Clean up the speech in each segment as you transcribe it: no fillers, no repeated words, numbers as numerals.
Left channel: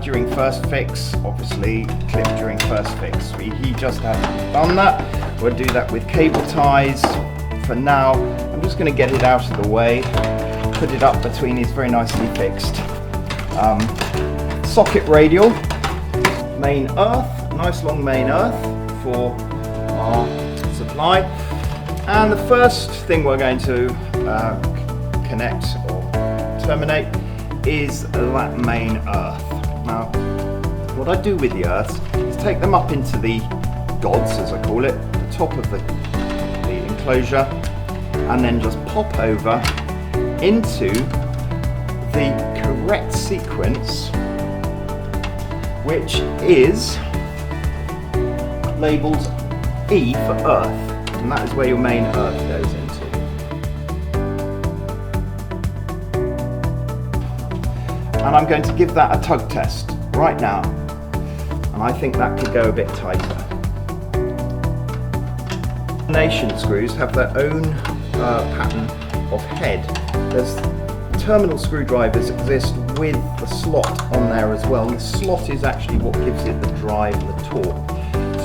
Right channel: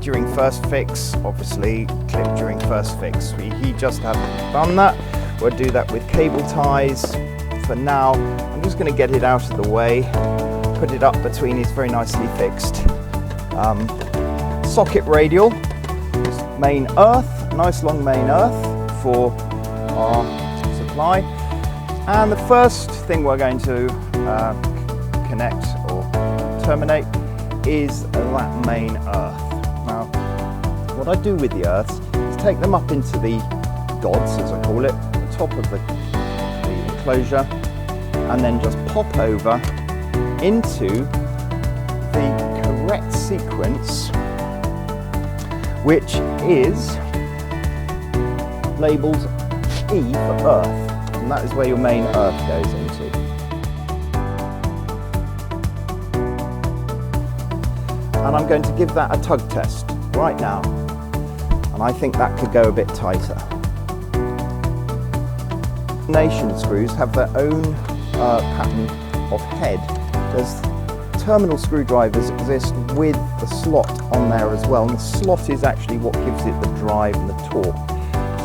during first fix, obviously clip during first fix. He just hasn't done that. We'll do that with cable ties. For now, I'm just going to get it out of the way, put it up between his very nicely fixed socket radial, main earth, nice long main earth for our supply. And the first thing we're going to connect or terminate is that main earth. Now, what I do with the earths is take them up into the gods, as I call it, the top of the enclosure, and then just pop over into the correct sequence, which is labelled E for earth, and that is where your main earth goes into. And I'm going to give that a tug test right now, and I think that could go a bit tighter. Combination screws have their own pattern of head. There's terminal screwdrivers exist with the slot on there as well. The slot is actually what gives it the drive and torque.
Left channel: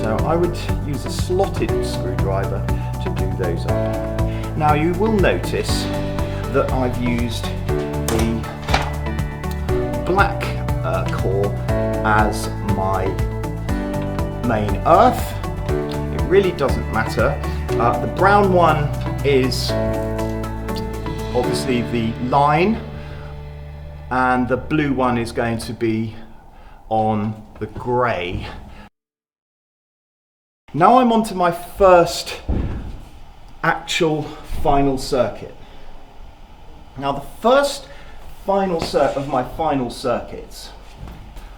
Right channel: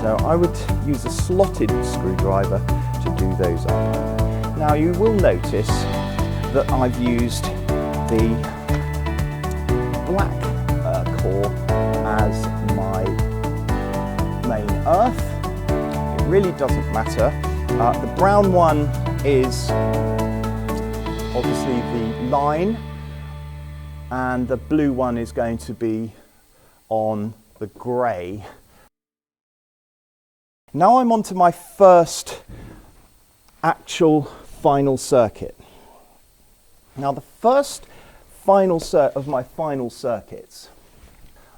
So I would use a slotted screwdriver to do those on. Now you will notice that I've used the black core as my main earth. It really doesn't matter. The brown one is obviously the line, and the blue one is going to be on the grey. Now I'm on to my first actual final circuit. Now the first final of my final circuits.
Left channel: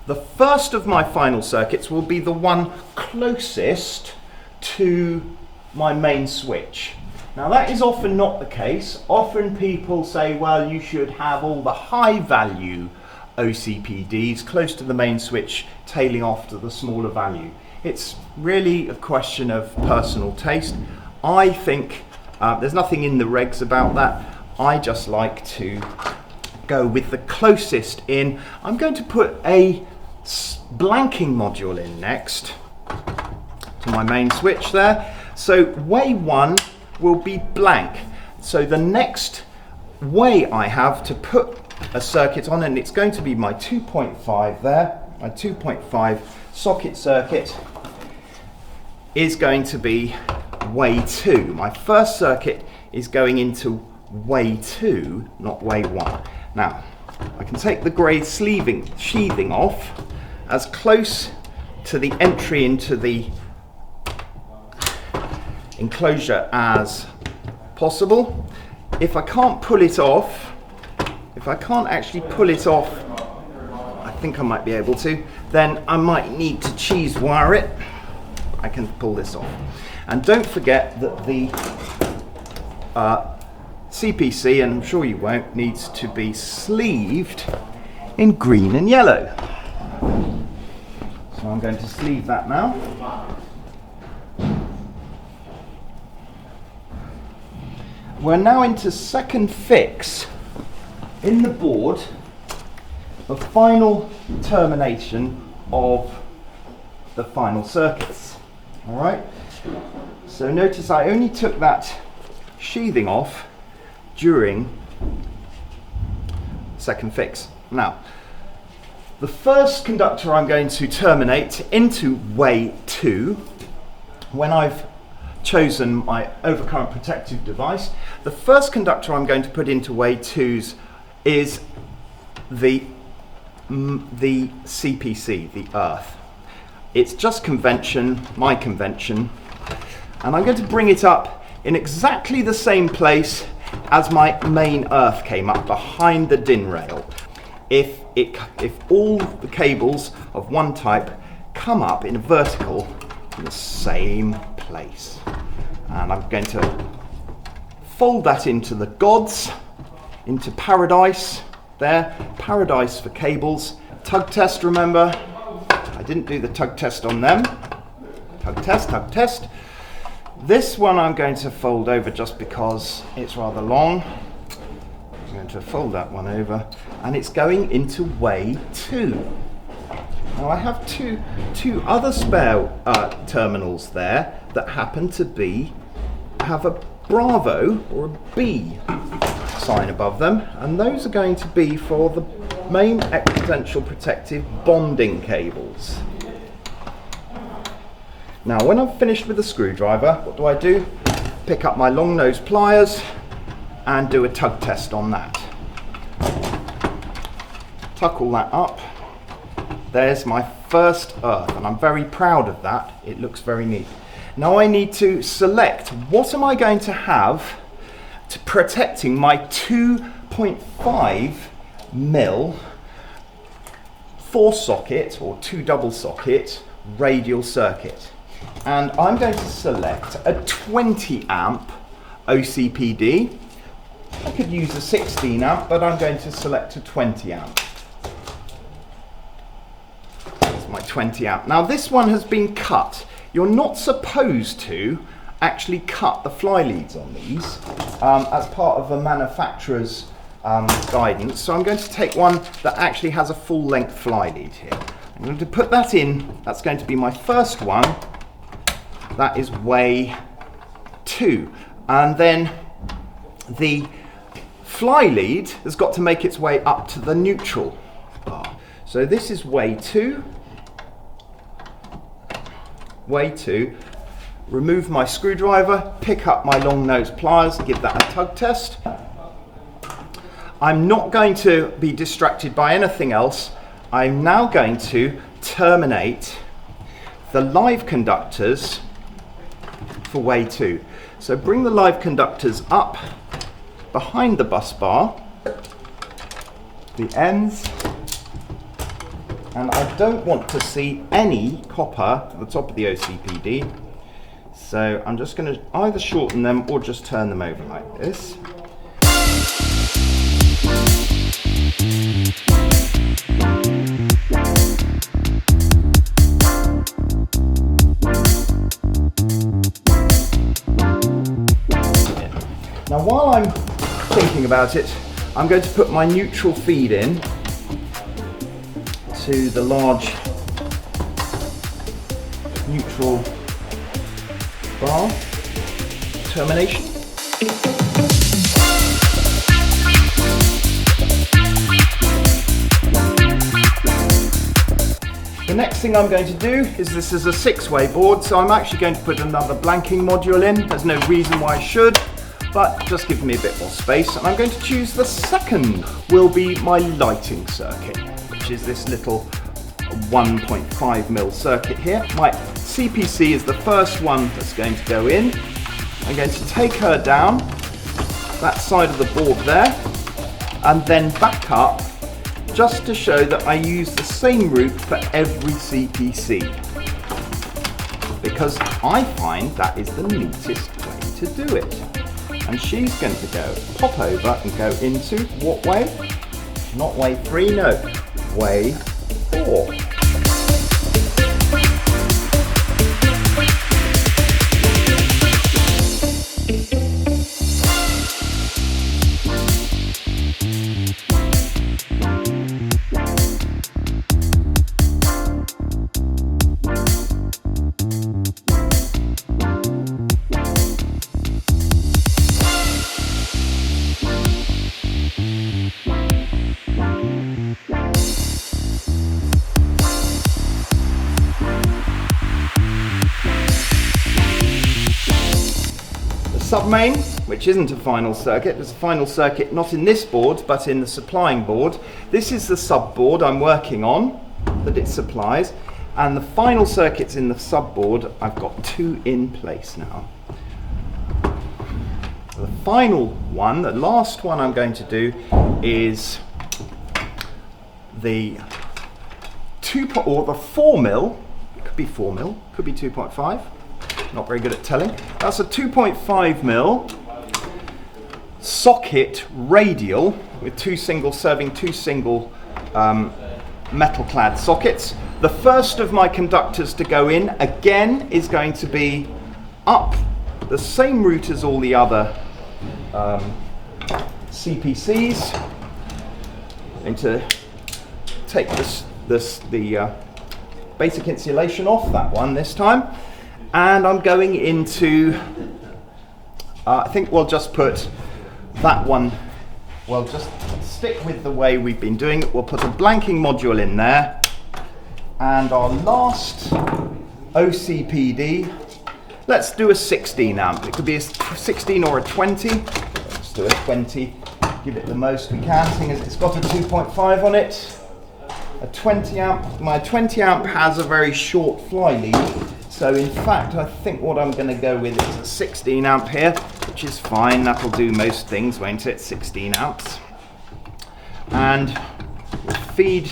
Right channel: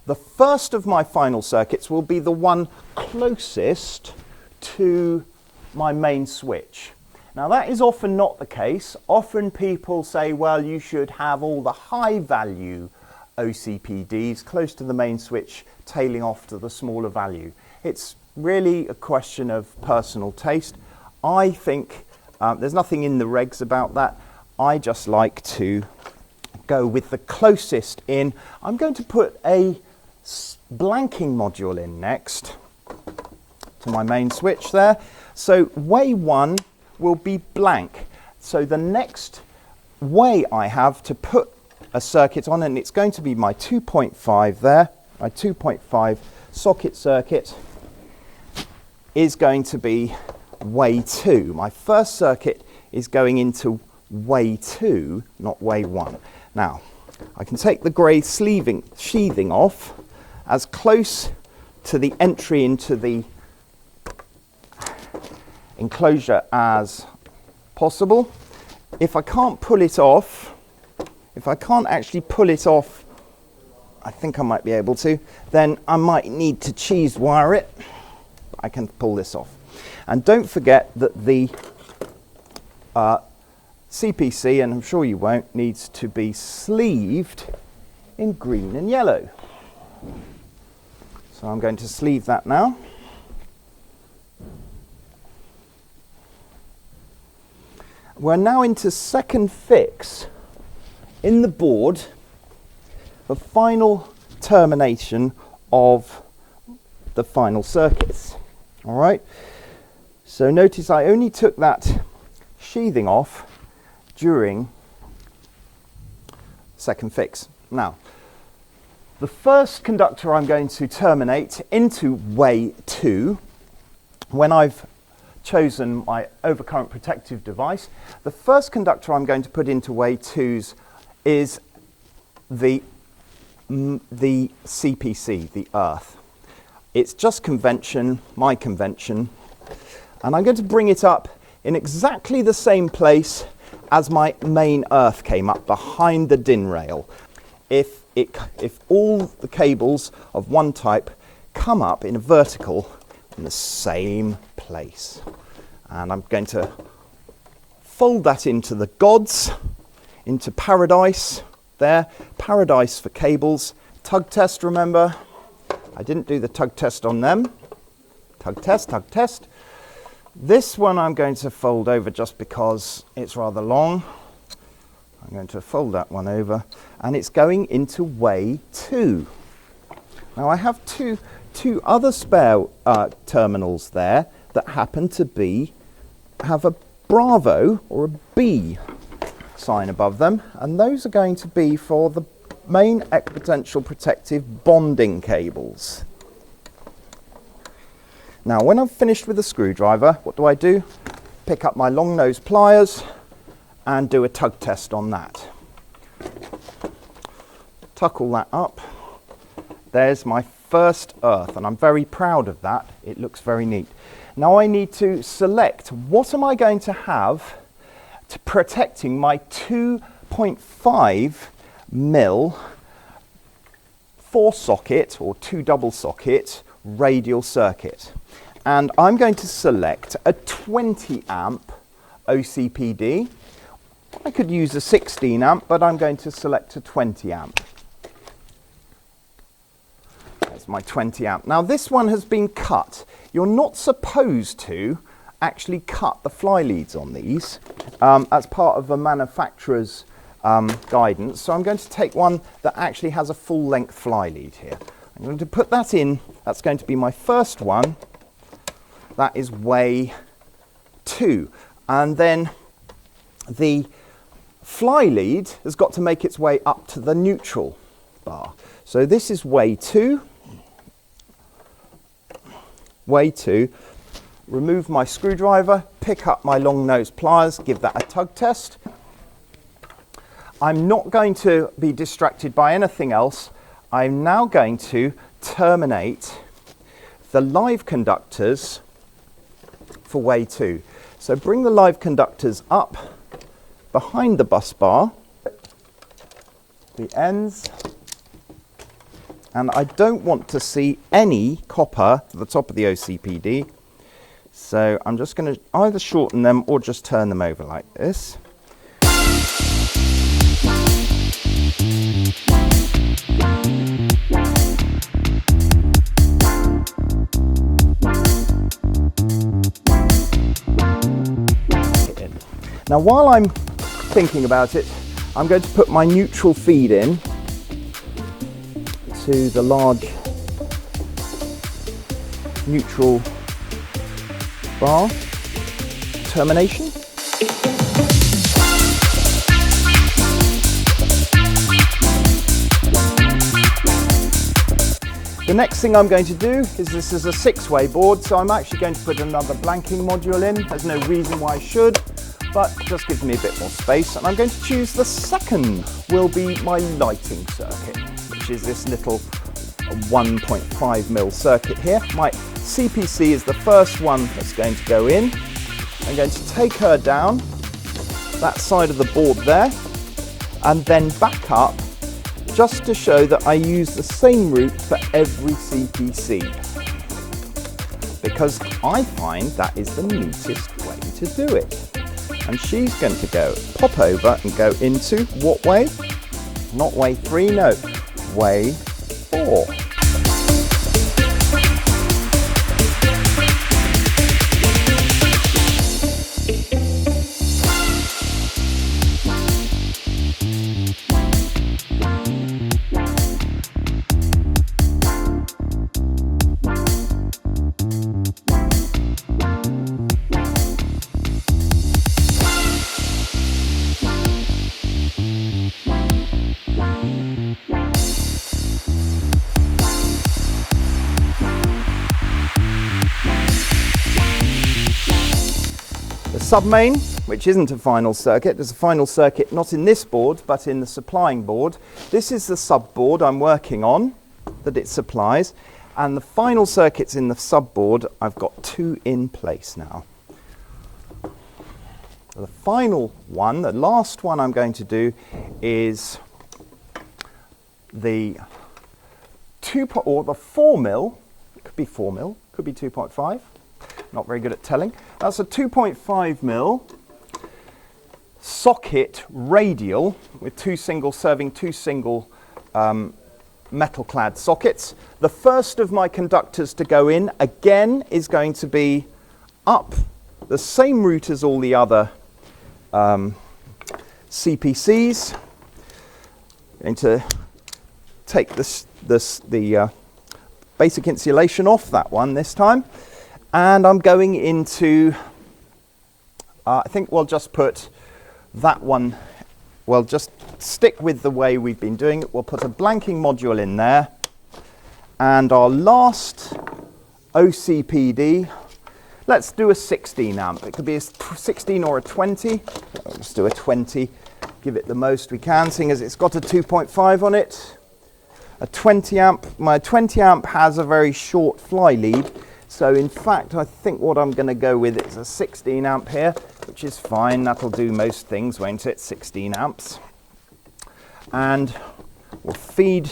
The first of my final circuits will be the one closest to my main switch. Now that is often not the case. Often people say, well, you should have all the high value OCPDs close to the main switch, tailing off to the smaller value. It's really a question of personal taste. I think there's nothing in the regs about that. I just like to go with the closest in. I'm going to put a blanking module in next to my main switch there. So way 1 will be blank. So the next way I have to put a circuit on, and it's going to be my 2.5 there, my 2.5 socket circuit is going to be way 2. My first circuit is going into way 2, not way 1. Now, I can take the grey sheathing off as close to the entry into the enclosure as possible. If I can't pull it off, if I can't actually pull it off, I think I might be able to, then I might need to cheese wire it. I can pull this off. And don't forget that the CPC, and I'm sure you won't, needs to be sleeved in green and yellow. So I'm going to sleeve that now. We're now into second fix in the board, the final termination of the final circuits. All right. So notice I only took that sheathing off during second fix. Now, the first conductor I'm going to terminate into way 2, when I've chosen my overcurrent protective device, the first conductor I'm going to put into way 2s is the CPC, the earth. It's just convention, my convention, and I'm going to bring it up in exactly the same place as my main earth came up, behind the DIN rail. If all the cables of one type come up in a vertical, same place. And I'm going to fold that into the gods, into paradise there, paradise for cables. Tug test, remember? I didn't do the tug test on them. Tug test, tug test. This one I'm going to fold over just because it's rather long. I'm going to fold that one over, and it's going into way 2. Now I have two other spare terminals there that happen to have a Bravo or a B sign above them, and those are going to be for the main potential protective bonding cables. Now when I've finished with the screwdriver, what do? Pick up my long nose pliers and do a tug test on that. Tuck all that up. There's my first earth, and I'm very proud of that. It looks very neat. Now I need to select what am I going to have to protecting my 2.5 mil 4-socket or 2 double socket radial circuit. And I'm going to select a 20 amp OCPD. I could use a 16 amp, but I'm going to select a 20 amp. That's my 20 amp. Now this one has been cut. You're not supposed to actually cut the fly leads on these as part of the manufacturer's guidance. So I'm going to take one that actually has a full length fly lead here. I'm going to put that in. That's going to be my first one. That is way 2. And then the fly lead has got to make its way up to the neutral bar. So this is way 2. Way 2. Remove my screwdriver, pick up my long nose pliers, give that a tug test. I'm not going to be distracted by anything else. I'm now going to terminate the live conductors for way 2. So bring the live conductors up behind the bus bar, the ends, and I don't want to see any copper at the top of the OCPD. So I'm just going to either shorten them or just turn them over like this. Now while I'm thinking about it, I'm going to put my neutral feed in to the large neutral bar termination. The next thing I'm going to do is this is a 6-way board, so I'm actually going to put another blanking module in. There's no reason why I should, but just give me a bit more space. I'm going to choose the second will be my lighting circuit, which is this little 1.5 mil circuit here. My CPC is the first one that's going to go in. I'm going to take her down that side of the board there and then back up just to show that I use the same route for every CPC, because I find that is the neatest way to do it. And she's going to go pop over and go into what way? Not way 3, no, way 4. Submain, which isn't a final circuit. There's a final circuit not in this board, but in the supplying board. This is the sub board I'm working on that it supplies, and the final circuits in the sub board, I've got 2 in place now. The final one, the last one I'm going to do is the 4 mil, it could be 4 mil, could be 2.5. Not very good at telling. That's a 2.5 mil socket radial with serving two single metal clad sockets. The first of my conductors to go in again is going to be up the same route as all the other CPCs. I'm going to take the basic insulation off that one this time. And I'm going into, I think we'll just put that one, we'll just stick with the way we've been doing it. We'll put a blanking module in there. And our last OCPD, let's do a 16 amp. It could be a 16 or a 20. Let's do a 20. Give it the most we can, seeing as it's got a 2.5 on it. A 20 amp. My 20 amp has a very short fly lead. So in fact, I think what I'm going to go with is a 16 amp here, which is fine. That'll do most things, won't it? 16 amps. And feed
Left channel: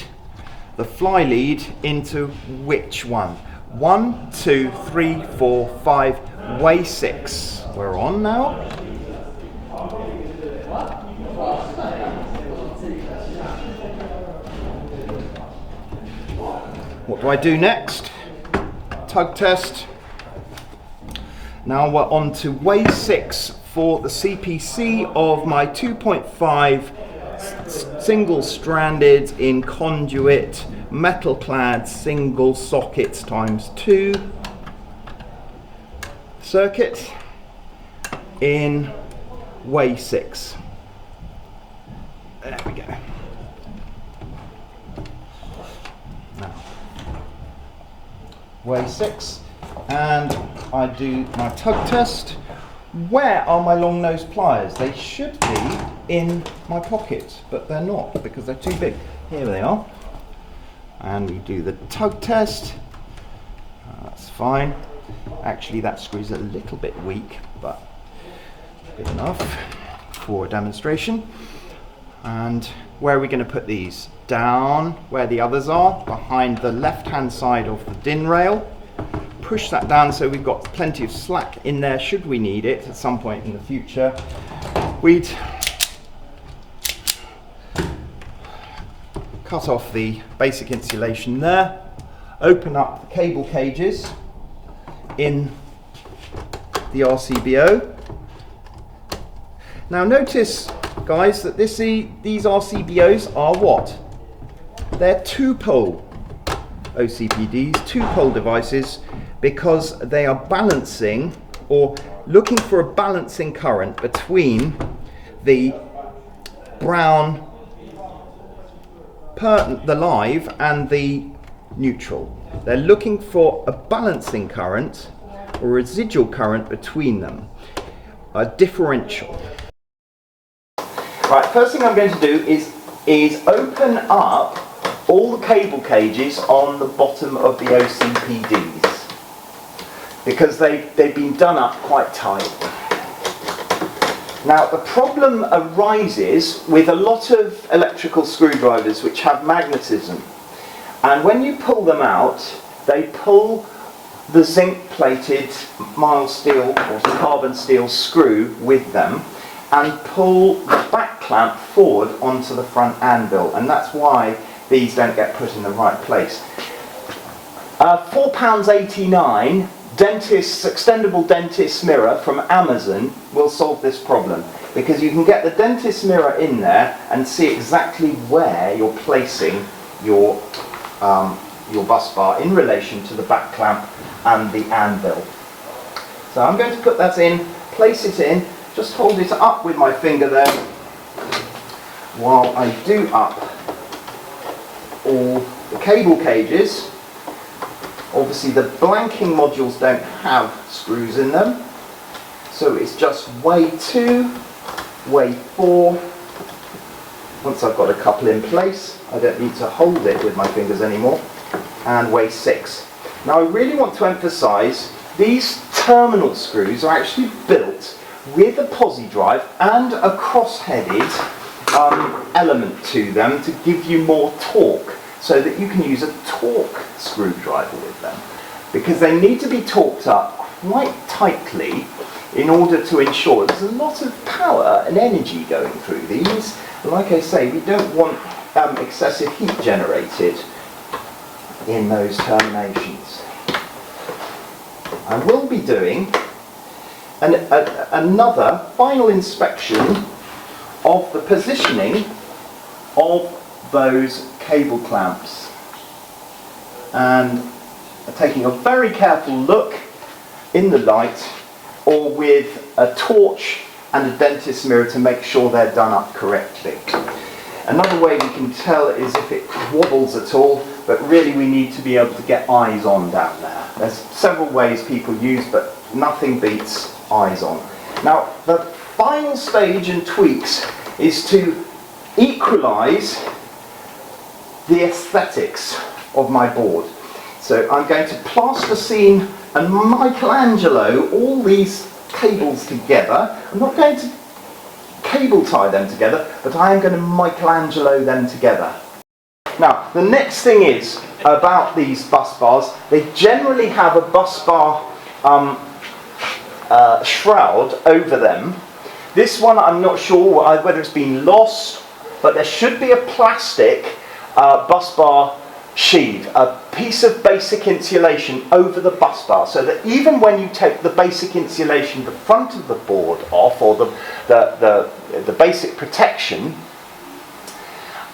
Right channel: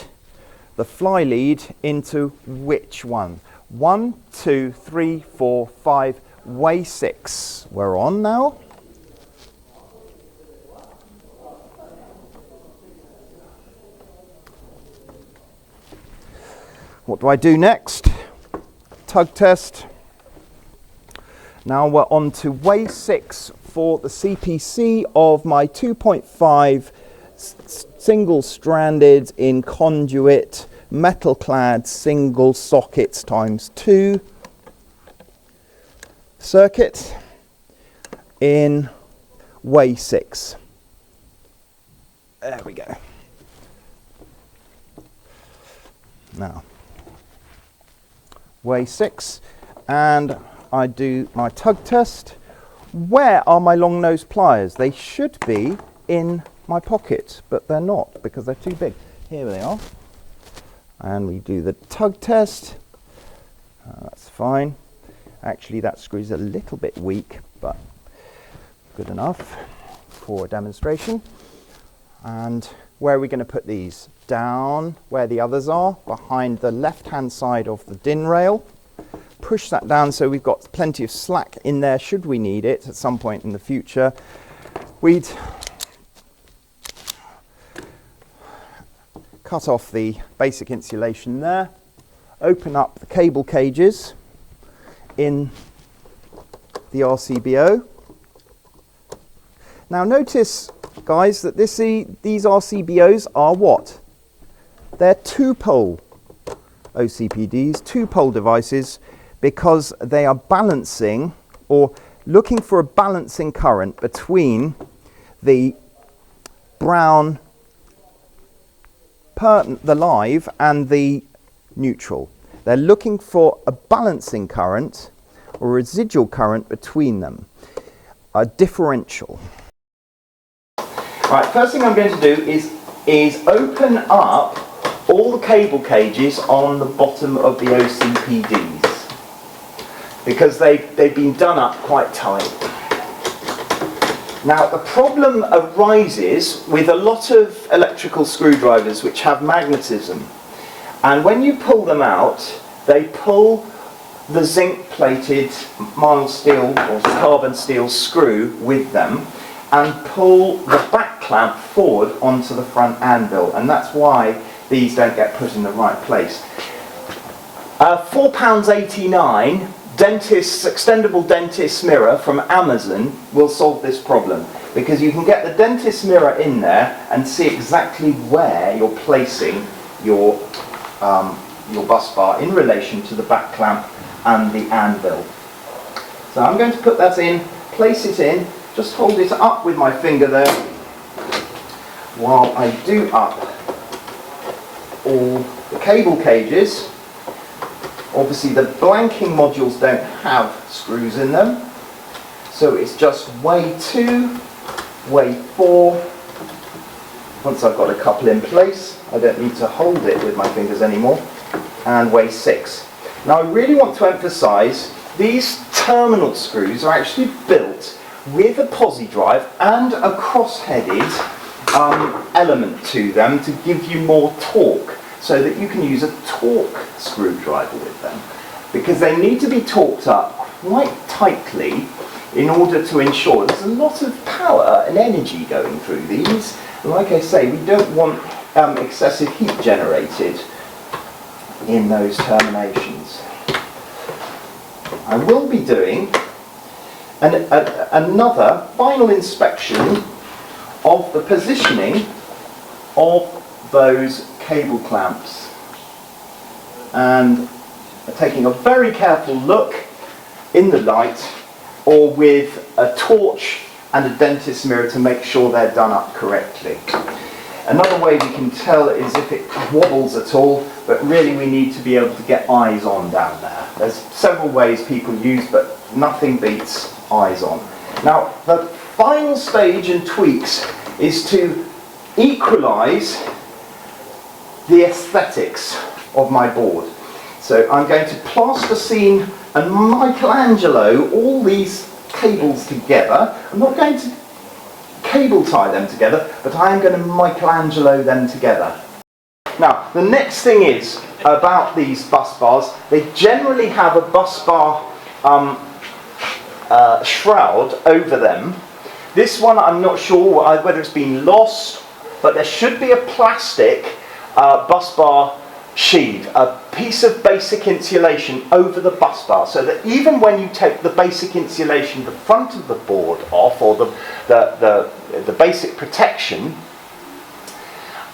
the fly lead into which one? 1, 2, 3, 4, 5, way 6. We're on now. What do I do next? Tug test. Now we're on to way 6 for the CPC of my 2.5 single-stranded in conduit metal-clad single sockets times 2 circuit in way 6. There we go. Now, way 6, and I do my tug test. Where are my long nose pliers? They should be in my pocket, but they're not because they're too big. Here they are. And we do the tug test. That's fine. Actually, that screw's a little bit weak, but good enough for a demonstration. And where are we going to put these? Down where the others are, behind the left-hand side of the DIN rail. Push that down so we've got plenty of slack in there should we need it at some point in the future. We'd cut off the basic insulation there, open up the cable cages in the RCBO. Now notice, guys, that these RCBOs are what? They're two-pole OCPDs, two-pole devices, because they are balancing or looking for a balancing current between the brown, the live, and the neutral. They're looking for a balancing current or residual current between them, a differential. Right, first thing I'm going to do is open up all the cable cages on the bottom of the OCPDs, because they've been done up quite tight. Now the problem arises with a lot of electrical screwdrivers which have magnetism, and when you pull them out, they pull the zinc plated mild steel or carbon steel screw with them and pull the back clamp forward onto the front anvil, and that's why these don't get put in the right place. £4.89 extendable dentist mirror from Amazon will solve this problem, because you can get the dentist mirror in there and see exactly where you're placing your bus bar in relation to the back clamp and the anvil. So I'm going to put that in, place it in, just hold it up with my finger there while I do up all the cable cages. Obviously the blanking modules don't have screws in them, so it's just way 2, way 4. Once I've got a couple in place, I don't need to hold it with my fingers anymore, and way 6. Now I really want to emphasize these terminal screws are actually built with a posi drive and a cross-headed element to them to give you more torque, so that you can use a torque screwdriver with them, because they need to be torqued up quite tightly in order to ensure there's a lot of power and energy going through these. And like I say, we don't want excessive heat generated in those terminations. I will be doing another final inspection of the positioning of those cable clamps, and taking a very careful look in the light, or with a torch and a dentist's mirror to make sure they're done up correctly. Another way we can tell is if it wobbles at all, but really we need to be able to get eyes on down there. There's several ways people use, but nothing beats eyes on. Now, the final stage in tweaks is to equalise the aesthetics of my board. So I'm going to plasticine and Michelangelo all these cables together. I'm not going to cable tie them together, but I am going to Michelangelo them together. Now, the next thing is about these bus bars. They generally have a bus bar shroud over them. This one I'm not sure whether it's been lost, but there should be a plastic bus bar sheave, a piece of basic insulation over the bus bar, so that even when you take the basic insulation, the front of the board off, or the basic protection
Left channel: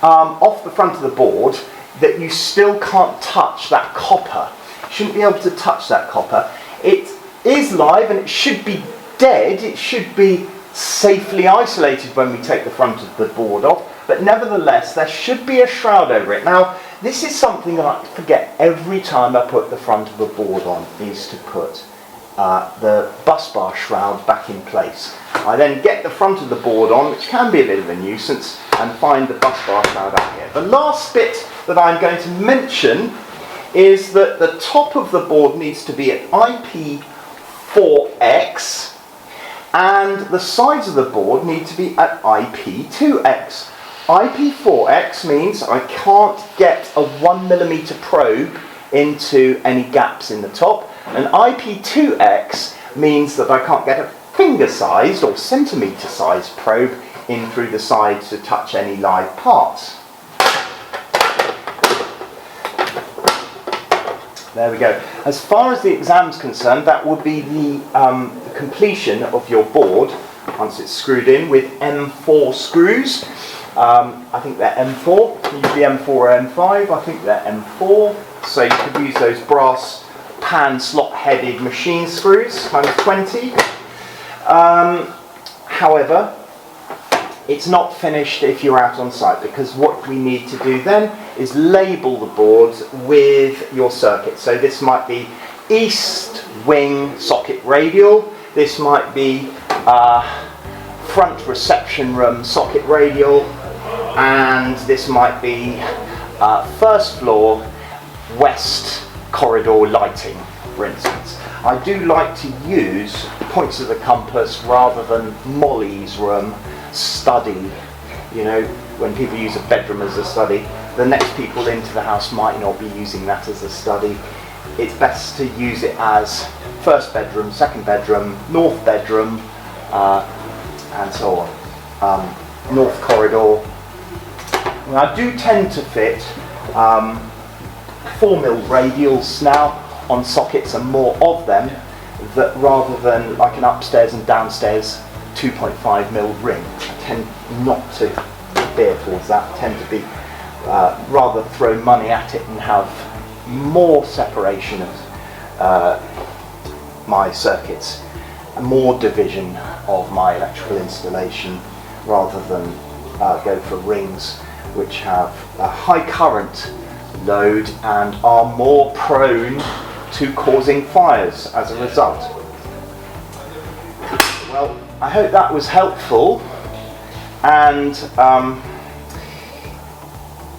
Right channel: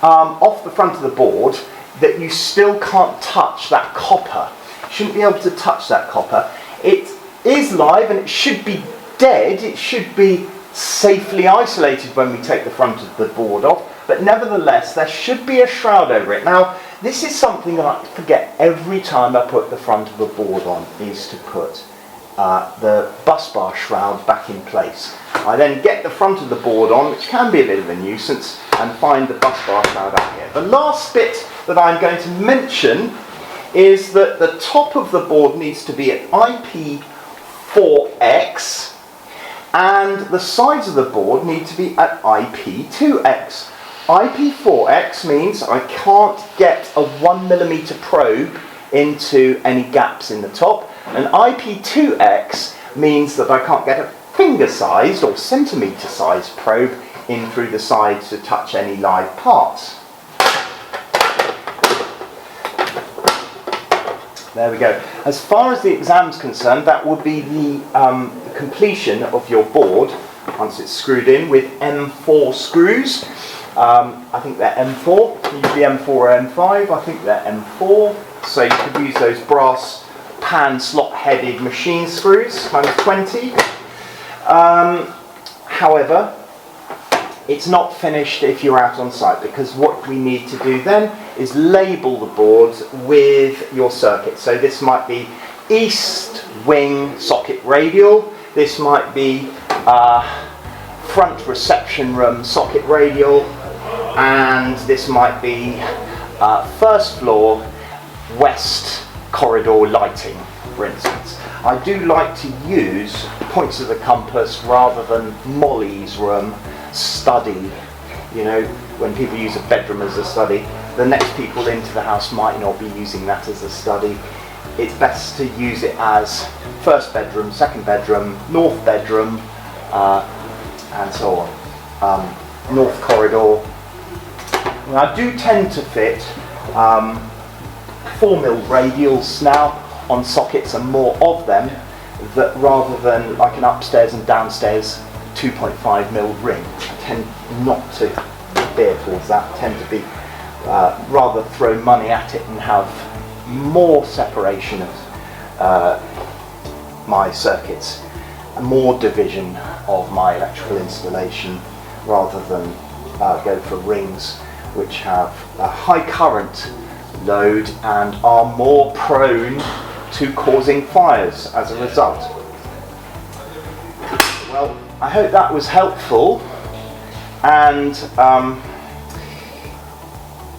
off the front of the board, that you still can't touch that copper. You shouldn't be able to touch that copper. It is live and it should be dead. It should be safely isolated when we take the front of the board off, but nevertheless there should be a shroud over it. Now, this is something that I forget every time I put the front of a board on, is to put the bus bar shroud back in place. I then get the front of the board on, which can be a bit of a nuisance, and find the bus bar shroud out here. The last bit that I'm going to mention is that the top of the board needs to be at IP4X, and the sides of the board need to be at IP2X. IP4X means I can't get a 1mm probe into any gaps in the top, and IP2X means that I can't get a finger-sized or centimetre-sized probe in through the sides to touch any live parts. There we go. As far as the exam's concerned, that would be the completion of your board once it's screwed in with M4 screws. I think they're M4, usually M4 or M5, I think they're M4. So you could use those brass pan slot-headed machine screws, times 20. However, it's not finished if you're out on site, because what we need to do then is label the board with your circuit. So this might be east wing socket radial, this might be front reception room socket radial, and this might be first floor west corridor lighting, for instance. I do like to use points of the compass rather than Molly's room, study. You know, when people use a bedroom as a study, the next people into the house might not be using that as a study. It's best to use it as first bedroom, second bedroom, north bedroom, and so on. North corridor. And I do tend to fit 4mm radials now on sockets, and more of them, that rather than like an upstairs and downstairs 2.5mm ring. I tend not to veer towards that. I tend to be rather throw money at it and have more separation of my circuits, more division of my electrical installation, rather than go for rings which have a high current load and are more prone to causing fires as a result. Well, I hope that was helpful, and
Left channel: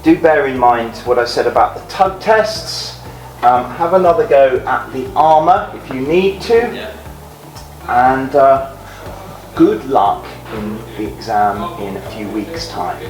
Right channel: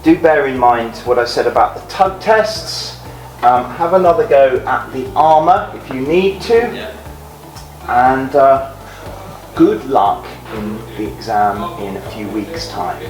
do bear in mind what I said about the tug tests. Have another go at the armour if you need to, and good luck in the exam in a few weeks' time.